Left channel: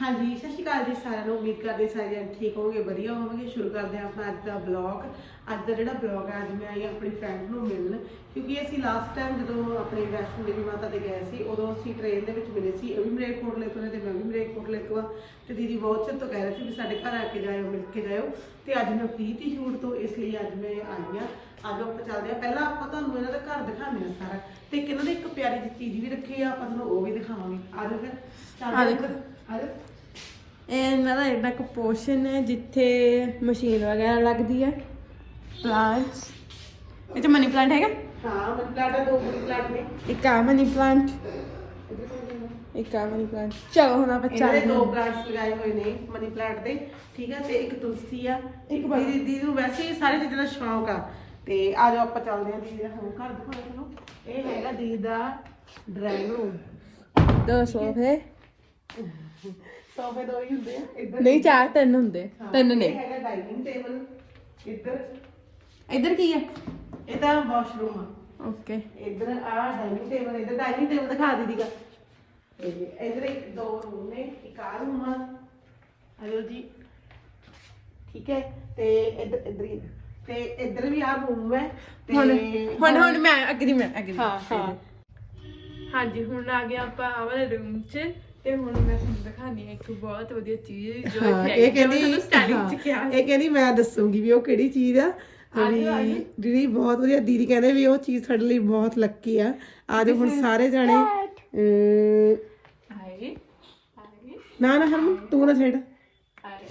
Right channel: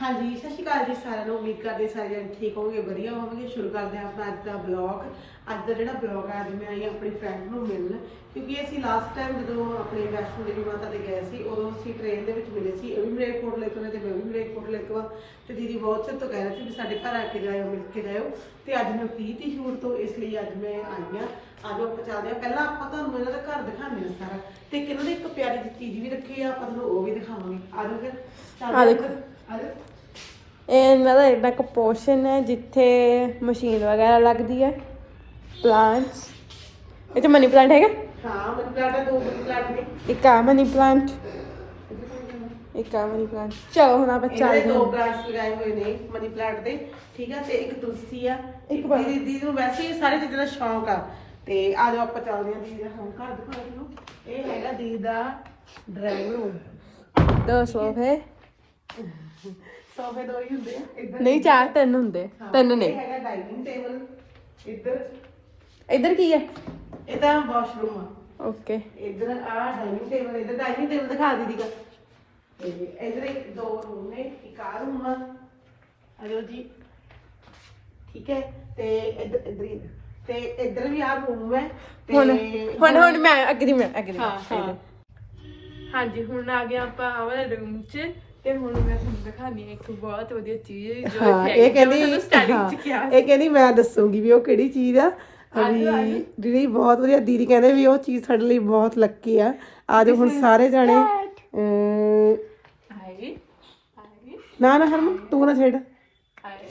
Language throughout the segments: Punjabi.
ਹਾਂਜੀ ਸਤਿ ਸ਼੍ਰੀ ਅਕਾਲ ਜੀ ਸਾਰਿਆਂ ਨੂੰ। ਉਮੀਦ ਕਰਦੇ ਸਾਰੇ ਜਣ ਠੀਕ ਹੋਵੋਗੇ ਵਧੀਆ ਹੋਵੋਗੇ। ਸ਼ੁਰੂ ਕਰਦੇ ਹਾਂ ਆਪਣਾ ਅੱਜ ਦਾ ਬਲੌਗ ਅੱਜ ਦਾ ਜਿਹੜਾ ਬਲੌਗ ਹੈ ਅੱਜ ਮੈਂ ਆਈ ਆਪਣੀ ਫਰੈਂਡ ਨੂੰ ਮਿਲਣ। ਕਿਉਂਕਿ ਅਸੀਂ ਲਾਸਟ ਟਾਈਮ ਜਦੋਂ ਆਪਣੇ ਵੈਸ਼ਨੋ ਦੇਵੀ ਮਾਤਾ ਦੇ ਗਏ ਸੀ ਉਦੋਂ ਅਸੀਂ ਟ੍ਰੇਨ ਦੇ ਵਿੱਚ ਮਿਲੇ ਸੀ। ਉਹ ਵੀ ਮਲੇਰਕੋਟਲੇ ਤੋਂ ਨੇ ਤੇ ਮੈਂ ਵੀ ਮਲੇਰਕੋਟਲੇ ਤੋਂ ਆ ਤੇ ਦੀਦੀ ਬਹੁਤ ਚਿਰ ਤੋਂ ਕਹਿ ਰਹੀ ਸੀ ਵੀ ਸਾਡੇ ਘਰ ਆ ਕੇ ਜਾਇਓ ਮਿਲ ਕੇ ਜਾਇਓ। ਤੇ ਅੱਜ ਮੈਂ ਫ੍ਰੀ ਤੀ ਸ਼ੂਟ ਤੋਂ ਇਸ ਲਈ ਅੱਜ ਮੈਂ ਆਈ ਹਾਂ। ਅੱਜ ਆਪਾਂ ਚੱਲਦੇ ਹਾਂ। ਪਹਿਲਾਂ ਆਪਾਂ ਤੁਹਾਨੂੰ ਇਹਨਾਂ ਦਾ ਘਰ ਦਿਖਾਉਂਦੇ ਹਾਂ ਸਾਰਾ। ਤੇ ਇਹਨਾਂ ਨੇ ਇੱਕ ਪਿਆਰੀ ਜਿਹੀ ਚੀਜ਼ ਵੀ ਰੱਖੀ ਆ ਆਪਾਂ ਤੁਹਾਨੂੰ ਉਹ ਵੀ ਦਿਖਾਵਾਂਗੇ। ਆ ਜਾਓ ਫਿਰ। ਆ ਦੇਖੋ। ਆ ਇਹ ਇਹਨਾਂ ਦਾ ਇੱਕ ਪੋਰਸ਼ਨ ਹੈ ਜਿੱਥੇ ਮਸ਼ੀਨ ਵਗੈਰਾ ਲੱਗਦੀ ਹੈ ਪਲਾਂਟਸ ਇਹ ਤਾਂ ਮਨੀ ਪਲਾਂਟ ਹੈਗਾ? ਹਾਂ ਦਾ ਦੋ ਪਲਾਟ ਨੇ। ਇੱਕ ਆ ਮਨੀ ਪਲਾਂਟ ਇੱਕ ਆ ਮਨੀ ਪਲਾਂਟ ਚਲੋ ਹੁਣ ਆਪਾਂ ਚੱਲਦੇ ਦੇ ਦੋ ਹਾਂ। ਬ੍ਰਾਂਚ ਲਗਾਏ ਹੋਏ ਨੇ ਮਨੀ ਪਲਾਂਟ ਦੇ। ਠੀਕ ਆ ਤੇ ਇੱਕ ਤੁਲਸੀ ਆ ਇੱਕ ਦੀਦੀ ਦੀਦੀ ਨੂੰ ਵੈਸੇ ਹੀ ਸਾਰੇ ਚੀਜ਼ਾਂ ਦਾ ਸ਼ੌਂਕ ਆ। ਤੇ ਆ ਜਾਓ ਆਪਾਂ ਚੱਲਦੇ ਹਾਂ ਦੀਦੀ ਦਾ ਹੁਣ ਘਰ ਦਿਖਾਉਂਦੇ ਨੂੰ ਇਹ ਹੈਗਾ ਦੀਦੀ ਦਾ ਡਰਾਇੰਗ ਰੂਮ ਦੋ ਸੋਫੇ ਸੋਫੇ ਦੋ ਹੀ ਹੁੰਦੇ ਆ ਇੱਧਰ ਨਹੀਂ ਚਾਰ ਤਿੰਨ ਹੁੰਦੇ ਤਿੰਨ ਨੇ। ਇਹ ਹੈਗਾ ਡਾਈਨਿੰਗ ਟੇਬਲ ਇੱਧਰ। ਇੱਧਰ ਕੀ ਹੈ ਇਹਦਾ ਵਾਸ਼ਰੂਮ ਆ। ਓਕੇ। ਇੱਧਰ ਆ ਡਾਈਨਿੰਗ ਟੇਬਲ ਇੱਧਰ ਡਾਈਨਿੰਗ ਟੇਬਲ ਦਿਖਾ ਦਾ ਤੇ ਇੱਧਰ ਇੱਕ ਦੋ ਰੂਮ ਨੇ ਇੱਕ ਆ ਰੂਮ ਆ। ਆਇਓ ਜੀ। ਠੀਕ ਹੈ ਤੇ ਇੱਧਰ ਇੱਧਰ ਹੀ- ਤੇ ਇੱਧਰ ਵੀ ਆ ਰੂਮ ਹੈ ਤੇ ਹੁਣ ਹੁਣ ਹੁਣ ਮੈਂ ਅਗਰੀ ਮੈਂ ਅਗਰੀ ਹਾਂ ਹਾਂ। ਹਾਂਜੀ ਹੁਣ ਆ ਗਏ ਆਪਾਂ ਆ ਵਾਲੇ ਰੂਮ 'ਚ। ਤੇ ਹੁਣ ਮੈਂ ਤੁਹਾਨੂੰ ਦਿਖਾਣੀ ਹੈ ਇੱਕ ਬਹੁਤ ਵਧੀਆ ਚੀਜ਼ ਜੋ ਹਾਂ ਇੱਥੇ ਇਹ ਕਹਿੰਦੀ ਸਟਾਰਟਿੰਗ 'ਚ ਕਿਹਾ ਹਾਂ, ਇਹ ਕਹਿੰਦੀ ਮੈਂ ਦੱਸੂਗੀ ਵੀ ਉਹ ਕਿਹੜੀ ਚੀਜ਼ ਆ। ਵੀ ਦੀਦੀ ਬਹੁਤ ਵਧੀਆ ਦੀਦੀ ਕਹਿੰਦੇ ਵੀ ਉਹ ਚੀਜ਼ ਸਾਡੇ ਲਈ ਬਹੁਤ ਲੱਕੀ ਆ। ਆ ਜਾਓ ਹੁਣ ਸਾਰੇ ਜਾਣੇ ਅਮ, ਆਈ ਆਈ ਨਾ ਨਾ ਹਰਮਨ ਤੂੰ ਨਾ ਛੇੜ। ਆਈ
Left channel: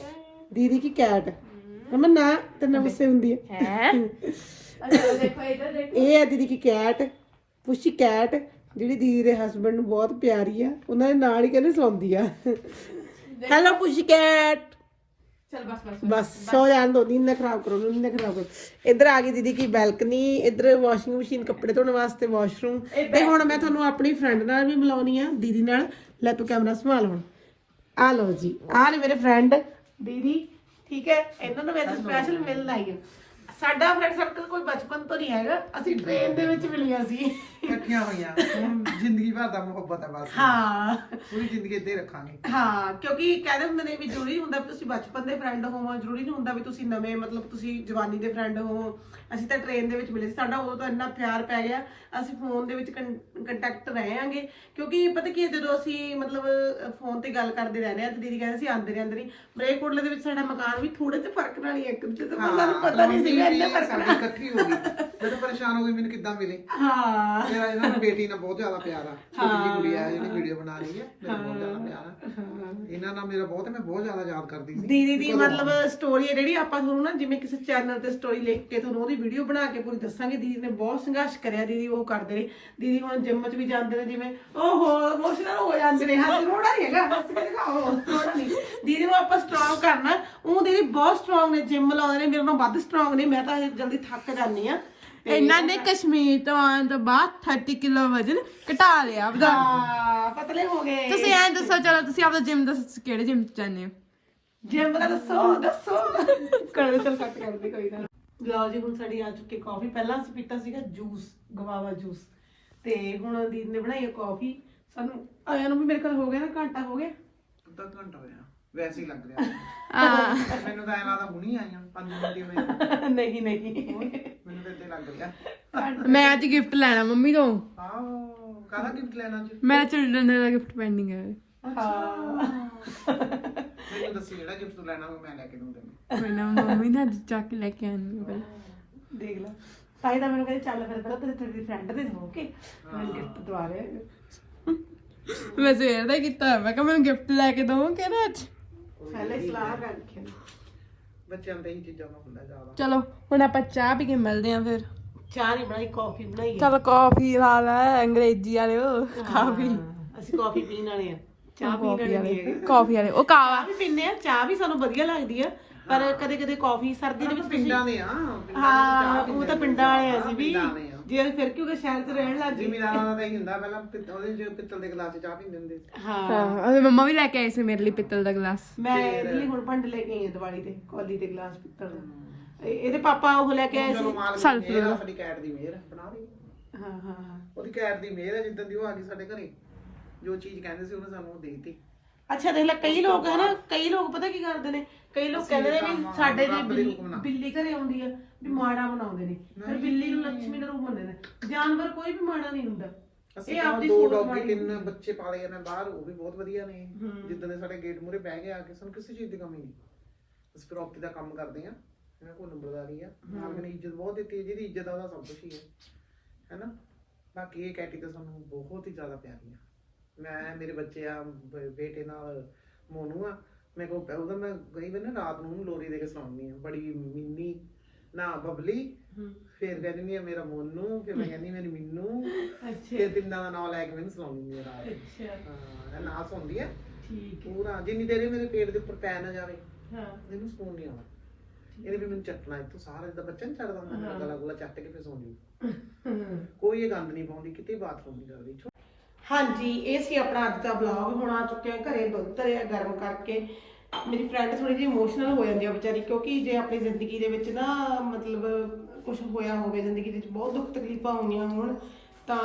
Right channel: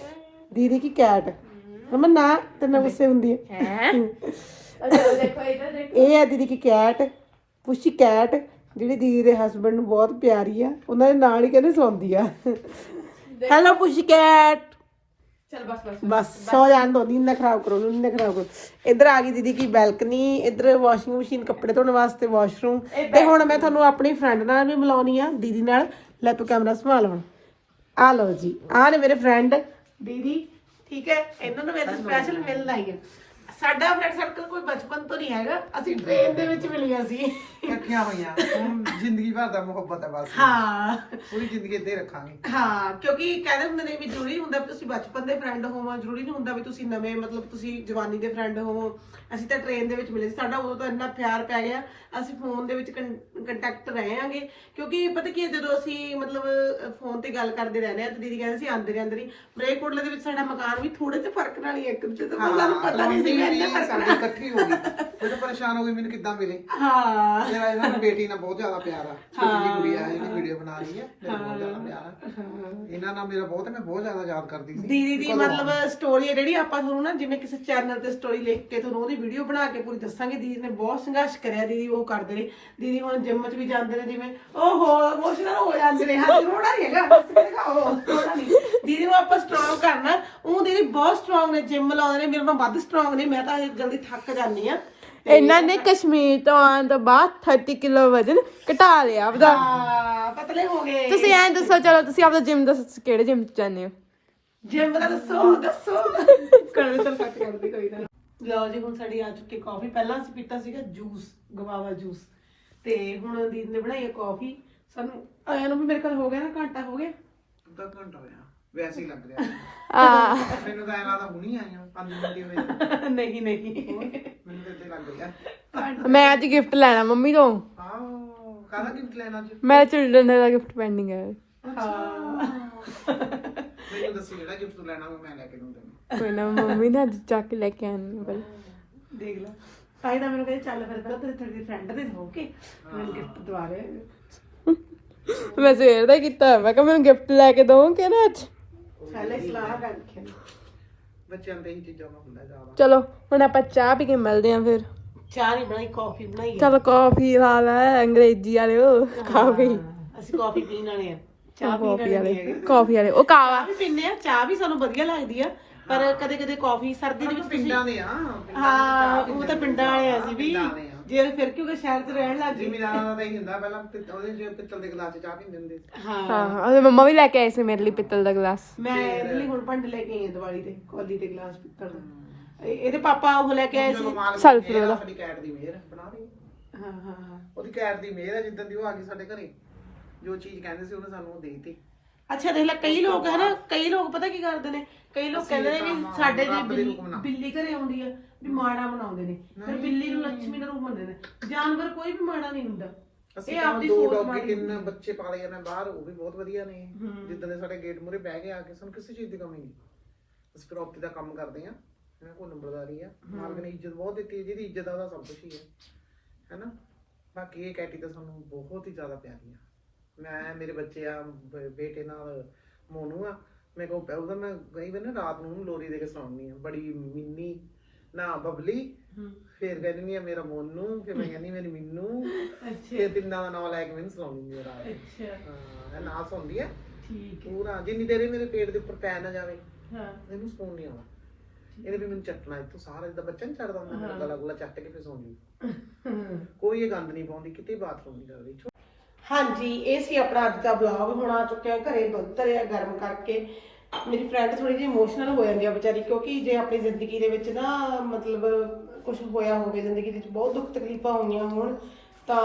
ਦੀਦੀ ਕੀ ਕੈਟ ਹਰਮਨ ਨਾ ਤੇ ਨਾ ਗੁੱਸੇ ਹੁੰਦੀ ਹੈ ਹੈ ਅੱਛਾ ਦੇਖੋ ਇੱਧਰ ਦੇਖੋ। ਇਹ ਹੈ ਦੀਦੀ ਕੀ ਕੈਟ ਪੁਸ਼ੀ ਕੈਟ ਜਿਹੜੀ ਦੀਦੀ ਦੇ ਹਸਬੰਡ ਨੂੰ ਬਹੁਤ ਪਿਆਰੀ ਆ ਉਹਨਾਂ ਦੇ ਨਾਲ ਹੀ ਕਹਿੰਦੇ ਸੌਂਦੀ ਆ। Hello pussy cat. ਚਲ ਬਸ ਬਸ ਬਸ ਸੌ ਜਾਣ ਦੋ ਨੀਂਦ ਨਾ ਖਰਾਬ ਕਰੋ ਨੀਂਦ ਨਾ ਖਰਾਬ ਕਰੋ। ਇੱਧਰ ਆ ਗਈ ਦੀਦੀ ਕੀ ਬੈਲਕਨੀ ਇੱਧਰ ਵਾਸ਼ਿੰਗ ਮਸ਼ੀਨ ਕੱਪੜੇ ਧੋਣ ਵਾਸਤੇ ਵਾਸ਼ਰੂਮ ਤੇ ਹੁਣ ਮੈਂ ਤੁਹਾਨੂੰ ਆਪਣੀ ਫਰੈਂਡ ਨਾਲ ਵੀ ਮਿਲਾਉਣੀ ਆ ਦੀਦੀ ਨਾਲ। ਲੈ ਤੂੰ ਕੈਮਰਾ ਸੰਭਾਲ ਹੁਣ। ਆ ਲਓ ਜੀ ਆ ਨੇ ਮੇਰੇ ਫਰੈਂਡ ਦੀਦੀ ਠੀਕ ਹੈ? ਇਹਨਾਂ ਨੂੰ ਮੈਂ ਸਪੈਸ਼ਲ ਮਿਲਣ ਆਈ ਹੈ। ਸਾਡਾ ਫਰੈਂਡ ਸਰਕਲ ਕੋਈ ਬਚਪਨ ਤੋਂ ਨਹੀਂ ਹੈਗਾ। ਅਸੀਂ ਟ੍ਰੇਨ ਦੇ ਵਿੱਚ ਮਿਲੀਆਂ ਸੀ। ਇਕੱਠੀਆਂ ਹੋਈਆਂ। ਹੁਣ ਜ਼ਿੰਦਗੀ ਭਰ ਦਾ ਮੁਹੱਬਤ ਹੈ ਬਸ। ਹਾਂ। ਪੂਰੀ ਜ਼ਿੰਦਗੀ ਇੱਦਾਂ ਹੀ ਰੱਖਾਂਗੇ। ਹਾਂ ਕਿਉਂਕਿ ਕਹਿੰਦੇ ਹੁੰਦੇ ਨੇ ਵੀ ਜ਼ਰੂਰੀ ਨਹੀਂ ਹੁੰਦਾ ਵੀ ਤੁਸੀਂ ਬਚਪਨ ਦੇ ਫਰੈਂਡ ਹੋਵੋ ਜ਼ਰੂਰੀ ਨਹੀਂ ਹੁੰਦਾ ਵੀ ਤੁਸੀਂ ਨਵੇਂ ਮਤਲਬ ਤੁਸੀਂ ਜਵਾਨੀ ਦੇ ਫਰੈਂਡ ਹੋਵੋ। ਅਸੀਂ ਤਾਂ ਟ੍ਰੇਨ ਦੇ ਵਿੱਚ ਮਿਲੇ ਸੀ। ਸਾਡਾ ਉਦੋਂ ਤਾਂ ਇੰਨਾ ਪਿਆਰ ਪੈ ਗਿਆ। ਅਸੀਂ ਫੋਨ ਦੇ ਵਿੱਚ ਕੰਟੈਕਟ ਰਹਾਂਗੇ। ਕਿਉਂਕਿ ਪਤਾ ਕੀ ਹੈ, ਜਦੋਂ ਅਸੀਂ ਮਤਲਬ ਫੋਨ ਤੇ ਗੱਲ ਕਰਦੇ ਰਹਿੰਦੇ ਆ ਤੇ ਦੀਦੀ ਕਹਿੰਦੇ ਸੀ ਆਂਦੇ ਰਹੇ ਆਂਦੇ ਨਹੀਂ। ਮਰੇਕੋਟਲੇ ਦੇ ਵਿੱਚ ਸਾਡਾ ਮਕਾਨ ਵੀ ਥੋੜੇ ਜਿਹਾ ਫ਼ਰਕ ਨਾਲ ਹੀ ਹੈ ਇੱਕ ਦੂਜੇ ਤੋਂ। ਸਾਨੂੰ ਪਤਾ ਨਹੀਂ ਸੀ ਇੰਨਾ ਫ਼ਰਕ ਸਾਡੀ ਇਕੱਠੀ ਹੋ ਗਈ। ਮੈਨੂੰ ਪਰੇਸ਼ਾਨ ਹੋ ਗਈ ਮੈਨੂੰ ਕਿੱਦਾਂ ਮਿਲੇ? ਹਾਂ। ਮੇਰਾ ਇਹਨਾਂ ਨੂੰ ਬੇਟੀ ਨਾਲ ਬਹੁਤ ਜ਼ਿਆਦਾ ਪਿਆਰ ਆ। ਛੋਟੀ ਜਿਹੀ ਕੁੜੀ ਆ ਜਿਹੜੀ ਵੀਡੀਓ ਬਣਾ ਰਹੀ ਹੈ ਮੇਰਾ ਬਹੁਤ ਜ਼ਿਆਦਾ ਪਿਆਰ ਆ। ਇਹਨਾਂ ਨਾਲ ਮੇਰਾ ਬਹੁਤ ਮੈਂ ਬਹੁਤ ਜ਼ਿਆਦਾ ਯਾਦ ਕਰਦੀ ਸੀ। ਦੀਦੀ ਦੀ ਮਤਲਬ ਸਟੋਰੀ ਹੈ ਜਿਹੜੀ ਆਪਾਂ ਤੁਹਾਨੂੰ ਨਾ ਜਿਵੇਂ ਕਿਸੇ ਚੈਨਲ ਤੇ ਸਟੋਰੀ ਲਿਖ ਕੇ ਤੁਹਾਨੂੰ ਉਹਦੀ ਵੀਡੀਓ ਬਣਾ ਕੇ ਪੂਰੀ ਦੱਸਾਂਗੇ। ਦੀਦੀ ਨੇ ਬਹੁਤ ਸੰਘਰਸ਼ ਕਰਿਆ ਦੀਦੀ ਉਹ ਕਰਦੇ ਨੇ। ਦੀਦੀ ਹੁਣ ਜਿਮ 'ਚ ਵੀ ਜਾਂਦੇ ਨੇ ਜਿਵੇਂ ਓਹੋ ਇਮੋਸ਼ਨਲ ਹੋ ਜਾਂਦੇ ਨੇ। ਹੱਸ ਰੋੜਾ ਨਹੀਂ ਹੈਗਾ। ਕੇ ਦਿਖਾਓ ਰੋੜਾ ਨਹੀਂ ਦੀਦੀ ਨੂੰ ਆਪਾਂ ਸਟਰੋਂਗ ਕਰਨਾ। ਉਹ ਦੀਦੀ ਬਹੁਤ ਸਟਰੋਂਗ ਨੇ ਜਿਮ ਲਾਉਂਦੇ ਨੇ। ਮੇਰੇ ਨਾਲੋਂ ਵੱਧ ਸਟਰੋਂਗ ਨੇ। ਮੈਂ ਤਾਂ ਜਲਦੀ ਥੱਕ ਜਾਂਦੀ ਆ ਇਹਨਾਂ ਨੇ ਕਸ਼ਮੀਰ ਤੋਂ ਆਉਣ ਤੋਂ ਬਾਅਦ 30 ਕਿਲੋ ਵਜ਼ਨ ਘਟਾ ਲਿਆ ਆਪਦਾ। ਪਤਲੇ ਹੋ ਗਏ। ਤੁਸੀਂ ਐਂ ਦੱਸੋ ਚਲੋ ਤੁਸੀਂ ਆਪਦਾ ਜਿਮ ਦੱਸੋ ਕਿਹੜੇ ਜਿਮ ਚ ਜਾਂਦੇ ਹੋ? ਜਿਮ ਦਾ ਦੱਸੋ ਦੱਸੋ। ਕਰ ਚਲ ਕੱਟ ਕਰਦੀ ਕੋਈ ਨਾ। ਲਓ ਜੀ ਹੁਣ ਸਾਡੀ ਆ ਚੁੱਕੀ ਕਾਫੀ ਪਹਿਲਾਂ ਅਸੀਂ ਪੀਤਾ ਸੀਗਾ ਜੂਸ ਗਵਾਵਾ ਜੂਸ ਤੇ ਹੁਣ ਦੀਦੀ ਨੇ ਬਣਾਈ ਹੈ ਕਾਫੀ ਸਾਨੂੰ ਆਇਆ ਨੂੰ ਵੀ ਮੇਰੇ ਕੋਲ ਹੋ ਗਿਆ ਨਾ ਘੰਟਾ ਹੋ ਗਿਆ? ਅੱਧਾ ਘੰਟਾ ਹੋਇਆ। ਵੈਸੇ ਹੀ ਲੱਗ ਰਿਹਾ। ਆ। ਮੈਨੂੰ ਤਾਂ ਐਂ ਲੱਗਦਾ ਹੁਣੀ ਆਈਆਂ 5 ਮਿੰਟ ਹੀ ਹੋਏ ਨਹੀਂ ਨਹੀਂ। ਮੈਨੂੰ ਤਾਂ ਇੱਥੇ ਲੱਗ ਰਿਹਾ ਮੈਂ ਅੱਜ ਗਿਫਟ ਲੈਣਾ ਮੰਮੀ ਤੋਂ। ਹਾਂ ਕਾਹਦਾ ਗਿਫਟ ਲੈਣਾ ਅੱਜ? ਮੇਰਾ ਚਿਲਡਰਨ ਦਾ ਗਿਫਟ ਪੈਂਡਿੰਗ ਹੈ। ਹਾਂ। ਮੈਨੂੰ ਦੱਸੀ ਜਿਹੜਾ ਗਿਫਟ ਲੈਣਾ ਮੈਂ ਲੈ ਕੇ ਦੂੰ ਤੈਨੂੰ। ਕੋਈ ਨਾ ਮੰਮੀ ਨੇ ਅੱਜ ਚੱਕ ਕੇ ਲੈ ਕੇ ਆਣੀ ਹੈ ਪਹਿਲਾਂ ਦੇਖ ਲਓ ਤਾਂ ਹੀ ਤਾਂ ਮੈਨੂੰ ਕਹਿੰਦੇ ਚੱਲ ਫਿਰ ਪਹਿਲਾਂ ਤੇਰੇ ਤੇਰੀ ਫਰੈਂਡ ਦੇ ਹੋ ਕੇ ਮੈਨੂੰ ਗਿਫਟ ਦਵਾ ਰਹੇ ਮੈਂ ਸਵੇਰ ਦਾ ਕੀਤਾ ਮੈਂ ਕਿਹਾ ਮੈਨੂੰ ਗਿਫਟ ਲੈ ਕੇ ਦੋ ਕਿਹੜਾ ਅੱਜ? ਪਹਿਲੇ ਸਲਾਹ ਕਰ ਰੱਖਿਆ। ਬੱਚਿਆਂ ਦੇ ਹੀ ਚੀਜ਼ਾਂ ਨੂੰ ਹੁੰਦਾ ਜ਼ਿਆਦਾ। ਚਲੋ ਹੁਣ ਆਪਾਂ ਚਾਹ ਪੀ ਕੇ ਮਿਲਦੇ ਆਂ ਫਿਰ। ਚਾਹ ਨਹੀਂ ਬਣਾਈ ਕਾਫੀ ਬਣਾਈ ਹੈ ਚਲ ਕਾਫੀ ਲਾ ਲੈ ਅੰਗਰੇਜ਼ੀ ਵਾਲਿਓ ਕਾਫੀ ਅਸੀਂ ਕਾਫੀ ਪੀਣ ਵਾਲੇ ਆ। ਚਾਹ ਪੀਣ ਕਾਫੀ ਵਾਲੇ ਵਾਲੇ ਨਹੀਂ ਹੈਗੇ। ਕਾਫੀ ਵਾਲੇ ਉਹ ਕਾਵਾ ਵੀ ਪੀਂਦੇ ਆ ਚਾਹ ਵੀ ਸਾਨੂੰ ਵਧੀਆ ਲੱਗਦੀ ਆ। ਪਰ ਕਦੇ ਕਦੇ ਕਾਫੀ ਸਰਦੀ ਦੇ ਵਿੱਚ ਤੁਸੀਂ ਪਿੰਡਾਂ ਦੇ ਆ ਹਾਂ ਉਹ ਤਾਂ ਪਿੰਡਾਂ ਵਾਲੇ ਆ ਸੀ ਵੀ। ਜੇ ਫਿਰ ਕਿਉਂਕਿ ਸ਼ਹਿਰ 'ਚ ਰਹਿਣ ਲੱਗ ਗਏ? ਜ਼ਿਮੀਦਾਰਾਂ ਦਾ ਹੀ ਹੁੰਦਾ ਪਹਿਲਾਂ ਪਿੱਤਲ ਉਹਦੇ ਚ ਪਿੱਤਲ ਦੇ ਗਲਾਸ ਚ ਚਾਹ ਪੀਂਦੇ ਹੁੰਦੇ ਸੀ। ਹਾਂ। ਹਾਂ ਉਹਦੇ ਮੰਮਾ ਵੀ ਲੈ ਕੇ ਆਏ ਸੀ ਮੇਰੇ ਲਈ ਪਿੱਤਲ ਦਾ ਗਲਾਸ। ਮੈਂ ਇਹਦੇ ਲਈ ਹੁਣ ਭਾਂਡੇ ਲੈ ਕੇ ਆਈ ਦੀਵਾਲੀ ਤੇ ਕੋਲੀ ਦੇ ਗਲਾਸ ਪਿੱਤਲ ਦਾ। ਇਹ- ਇਹਦੇ ਪਾਪਾ ਉਹ ਲੈ ਕੇ ਆਏ ਸੀ। ਸਲਫਰ ਉਹਦਾ ਸਾਡੀ ਕੈਟ ਦੀ ਮਿਹਰ ਬਣਾ ਵੀ ਹਾਂ ਹਾਂ ਹਾਂ। ਉਹਦੀ ਕੈਟ ਦੀ ਮਿਹਰ ਹੈ ਜਿੱਦਾਂ ਦੀ ਉਹ ਆ ਗਈ ਸਾਡੇ ਘਰੇ ਜੋ ਚੀਜ਼ ਕਹਿੰਦੇ ਸੀ ਉਹਨੇ ਸਾਨੂੰ ਉਹ ਦੇ ਦਿੱਤੀ। ਅੱਛਾ ਦੇਖ ਲੈ ਕਈ ਲੋਕ ਹਨਾ ਕਈ ਲੋਕ ਪਤਾ ਕੀ ਕਰਦੇ ਨੇ? ਕਈ ਲੋਕ ਕਹਿੰਦੇ ਨੇ ਵੀ ਸਾਡੇ ਜੇ ਬਿੱਲੀ ਬਿੱਲੀ ਘਰੇ ਆਉਂਦੀ ਆ ਵੀ ਮਾੜਾ ਬਣਾਉਂਦੇ ਨੇ। ਫਿਰ ਬਿੱਲੀ ਨੂੰ ਲక్ష్ਮੀ ਦਾ ਰੂਪ ਮੰਨਦੇ ਨੇ। ਜਾਨਵਰ ਕੋਈ ਵੀ ਮਾੜਾ ਨਹੀਂ ਹੁੰਦਾ। ਅਸੀਂ ਇਹ ਆਪਦੀ ਦੋ ਸੋਚ ਡੌਗੀ ਮਾੜੀ ਤਿੰਨ ਬੱਚੇ ਪਾਲੇ ਮੈਂ ਬਾਹਰ ਉਹ ਵੀ ਬਹੁਤ ਵਧੀਆ ਨੇ। ਜਿੱਦਾਂ ਦੇ ਸਾਡੇ ਗੇਟ ਮੂਰੇ ਬਹਿ ਕੇ ਆ ਕੇ ਸਾਨੂੰ ਕਿਸੇ ਚੀਜ਼ ਦੀ ਕਮੀ ਨਹੀਂ। ਅਸੀਂ ਪ੍ਰੋਪਰਟੀ ਦਾ ਕੰਮ ਕਰਦੇ ਆ ਇਹਨਾਂ ਕੋਲ ਨੰਬਰਦਾਰੀ ਆ ਮਾਲਕ ਨੇ ਇੱਜ਼ਤ ਬਹੁਤ ਦਿੱਤੀ ਹੈ ਜਿਹਦੀ ਇੱਜ਼ਤ ਆ ਉਹਦਾ ਸਭ ਕੁਝ ਹੀ ਹੈ। ਹੈਨਾ? ਬਾਕੀ ਇਹ ਕੈਟੀ ਤਾਂ ਸਾਨੂੰ ਬਹੁਤ ਹੀ ਜ਼ਿਆਦਾ ਪਿਆਰੀ ਆ। ਮੈਂ ਮੇਰੇ ਬੱਚੇ ਆ ਬ- ਬੇਟੇ ਨਾਲ ਮੋਨੂ ਆ ਮੈਂ ਕੋ ਉਹਦਾ ਮੈਂ ਕਈ ਵਾਰ ਨਾ ਰਾਤ ਨੂੰ ਉਹਨੂੰ ਲੋਰੀ ਦੇ ਕੇ ਸੁਣਾਉਂਦੀ ਆ ਬੜੀ ਮਿੰਨੀ ਨਾ ਬਬਲੀ ਫਿਰ ਕਹਿੰਦੀ ਆ ਮੇਰਾ ਮੋਨੂ ਫਿਰ ਮੈਂ ਕਹਿੰਦੀ ਮੇਰੀ ਮਿੰਨੂ ਫਿਰ ਤਿੰਨਾਂ ਦਾ ਨਾਮ ਲੈ ਕੇ ਮੈਨੂੰ ਸੁਣਾਉਂਦੀ ਆ ਰਾਤ ਨੂੰ। ਅੱਛਾ। ਹਾਂ ਨਾਲ ਸੁਣਦੀ ਹੈ। ਠੀਕ ਪੂਰਾ ਜਿੰਨੀ ਦੇਰ ਇਹ ਮੇਰੇ ਪੇਟ ਦੇ ਉੱਪਰ ਪੈ ਨਾ ਜਾਵੇ ਹਾਂ। ਇਹਨੂੰ ਸਕੂਨ ਨਹੀਂ ਆਉਣਾ। ਇਹਨੇ ਵੀ ਮੈਨੂੰ ਚੱਟਣਾ ਇੱਥੋਂ ਸਾਰਾ ਜਿੱਦਾਂ ਬੱਚਾ ਨਹੀਂ ਚੜਦਾ ਹੁੰਦਾ ਮੇਰਾ ਗਲਾ ਗੁਲਾ ਚੱਟ ਕੇ ਫਿਰ ਸੌਂਦੀ ਕੋਈ ਇਹ ਗੰਦ ਨਹੀਂ ਪਾਉਂਦੀ ਕਿਤੇ ਬਾਥਰੂਮ ਨਹੀਂ ਕਰਦੀ ਹਾਂਜੀ, ਇਹ ਸੀ ਆਪਣਾ ਅੱਜ ਦਾ ਵਲੌਗ ਹੁਣ ਆ ਚੁੱਕਿਆ ਘਰੇ ਦੁੱਧ ਧਰਿਆ ਗਰਮ ਕਰਕੇ। ਮੇਰੀ ਫਰੈਂਡ ਥੋੜੀ ਜਿਹੀ ਇਮੋਸ਼ਨਲ ਹੋ ਜਾਂਦੀ ਆ ਵਿਚਾਰੀ, ਕਿਉਂਕਿ ਜੇ ਆਪਣੀ ਜ਼ਿੰਦਗੀ ਦੇ ਵਿੱਚ ਨਾ ਮਤਲਬ ਕੁਝ ਹੋਇਆ ਹੋਵੇ, ਜ਼ਿੰਦਗੀ ਦੇ ਵਿੱਚ ਬਹੁਤ ਦੁੱਖ ਤਕਲੀਫਾਂ ਹੋਈਆਂ ਹੋਣ, ਤਾਂ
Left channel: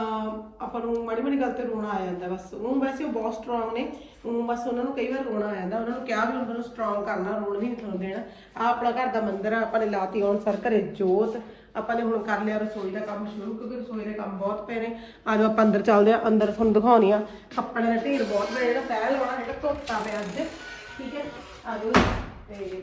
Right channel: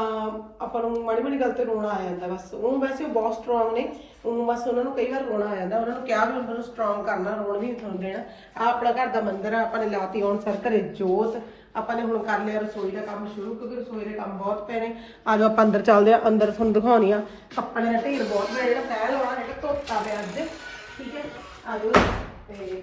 ਆਪਾਂ ਨੂੰ ਮਾੜੀ ਮਾੜੀ ਗੱਲ ਤੇ ਰੋਣਾ ਆ ਜਾਂਦਾ ਬਸ। ਉਹ ਵੈਸੇ ਉਹ ਬਹੁਤ ਸਟਰੋਂਗ ਨੇ, ਉਹ ਬਸ ਉਹਨਾਂ ਨੂੰ ਕਈ ਵਾਰ ਰੋਣਾ ਆ ਜਾਂਦਾ। ਉਹਨਾਂ ਨੂੰ ਕਿਹਾ ਵੀ ਉਹਨਾਂ ਨੂੰ ਸਟਰੋਂਗ ਕਰਨਾ, ਰੋਣ ਨਹੀਂ ਤੁਹਾਨੂੰ ਦੇਣਾ। ਆ ਆਪਣਾ ਘਰ ਦਾ ਮੰਦਿਰ ਆ, ਆਪਾਂ ਨੇ ਲਾਤੀ ਆਉਣ ਸਰ ਘਰੇ ਜੋਤ। ਆਪਾਂ ਨੇ ਹੁਣ ਕਰ ਲਿਆ ਰਸੋਈ ਦਾ ਕੰਮ ਸ਼ੁਰੂ, ਕਿਉਂਕਿ ਰਸੋਈ ਦੇ ਕੰਮ ਬਹੁਤ ਪਏ ਨੇ। ਆ ਜਾਓ, ਆਪਾਂ ਅੰਦਰ ਚੱਲਦੇ ਆ ਅੰਦਰ ਤੁਹਾਨੂੰ ਦਿਖਾਉਣੀ ਆ। ਕੱਪੜੇ ਦਾ ਢੇਰ ਬਹੁਤ ਹੈ ਜਿਹੜਾ ਤੈਅ ਲਾਉਣਾ, ਜਿਹੜਾ ਧੋਤਾ ਪਿਆ ਅੱਜ। ਠੀਕ ਹੈ? ਆ ਜਾਓ। ਤੇ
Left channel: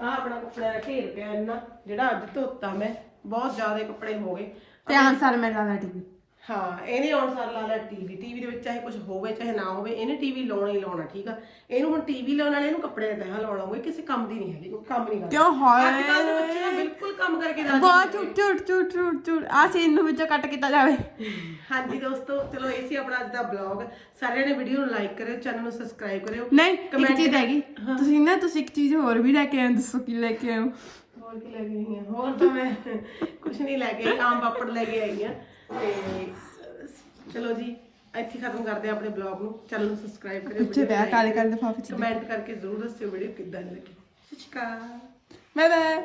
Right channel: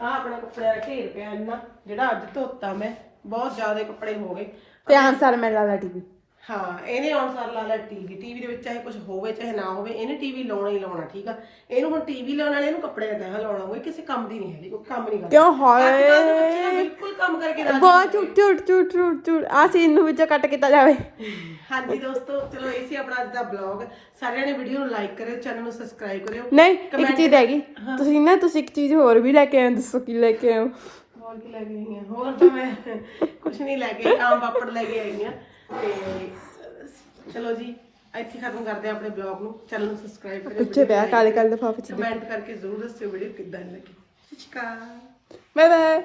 ਆ ਆਪਣਾ ਕੱਪੜੇ ਦਾ ਢੇਰ ਪਿਆ ਇੰਨਾ, ਜਿਹੜਾ ਅੱਜ ਧੋਤਾ ਮੈਂ। ਬਹੁਤ ਜ਼ਿਆਦਾ ਕੱਪੜੇ ਹੋ ਗਏ। ਧਿਆਨ ਸਾਰ ਮੈਂ ਲਾ ਲਾ ਟੀਵੀ। ਹਾਂ ਇਹਨੇ ਆਉਣ ਸਾਰ ਲਾ ਲਿਆ ਟੀਵੀ ਟੀਵੀ ਦੇ ਵਿੱਚ ਚਾਹੇ ਕੁਝ ਹੋਵੇ ਚਾਹੇ ਨਾ ਹੋਵੇ ਇਹਨੇ ਟੀਵੀ ਲਾਉਣਾ ਹੀ ਲਾਉਣਾ ਠੀਕ ਆ? ਇਹਨੂੰ ਹੁਣ ਟੀਵੀ ਲਾਉਣ ਵਾਲੇ ਇਹਨੂੰ ਕੱਪੜੇ ਦਾ ਤਹਿ ਲਾਉਣਾ ਹੋਵੇ ਕਿਸੇ ਕੰਮ ਦੀ ਨਹੀਂ ਹੈਗੀ ਕੋਈ ਕੰਮ ਨਹੀਂ ਕਰਦਾ। ਕਿਉਂ ਹਾਏ? ਅੱਜ ਕੱਲ੍ਹ ਦੇ ਬੱਚੇ ਨਾ ਬਿਲਕੁਲ ਕੰਮ ਕਰਕੇ ਰਾਜੀ ਬਹੁਤ ਝੂਠ ਝੂਠ ਝੂਠ ਝੂਠ ਝੂਠ ਆ ਸੀਨ ਨੂੰ ਵਿੱਚੋਂ ਕੱਟ ਕੀਤਾ ਜਾਵੇ। ਹਾਂਜੀ ਦੋਸਤੋ ਚਲੋ ਇਹ ਸੀ ਆਪਣਾ ਅੱਜ ਦਾ ਬਲੌਗ ਸਾਰਿਆਂ ਨੇ ਵੀਡੀਓ ਨੂੰ ਲਾਈਕ ਕਰਿਓ ਚੈਨਲ ਨੂੰ ਸਬਸਕ੍ਰਾਈਬ ਕਰਿਓ। ਨਹੀਂ ਇੱਕ ਚੀਜ਼ ਹੈਗੀ ਤੁਸੀਂ ਨਾ ਤੁਸੀਂ ਇੱਕ ਚੀਜ਼ ਹੋਰ ਵੀ ਲੈ ਕੇ ਆਏ ਹੋ, ਦੱਸੋ ਕੀ ਲੈ ਕੇ ਆਏ ਹੋ ਹੋਰ ਕੀ ਲੈ ਕੇ ਆਈ ਹਾਂ ਹੋਰ ਤਾਂ ਮੈਂ ਕੁਝ ਨਹੀਂ ਲੈ ਕੇ ਆਮ ਪਾਪੜ ਲੈ ਕੇ ਆਈ ਹਾਂ ਤੇ ਚਲੋ ਜੀ ਇੱਥੇ ਖਤਮ ਕਰਦੇ ਹਾਂ ਆਪਣੇ ਬਲੌਗ ਨੂੰ। ਚੈਨਲ ਨੂੰ ਸਬਸਕ੍ਰਾਈਬ ਕਰਿਓ ਪਿੱਛੇ ਪਿਆ ਕਾਲੇ ਕਾਲੇ ਲਿਫਾਫੇ ਚ ਕਮੈਂਟ ਕਰਕੇ ਜ਼ਰੂਰ ਦੱਸਿਓ ਵੀਡੀਓ ਕਿੱਦਾਂ ਲੱਗੀ। ਸਤਿ ਸ਼੍ਰੀ ਅਕਾਲ। Bye bye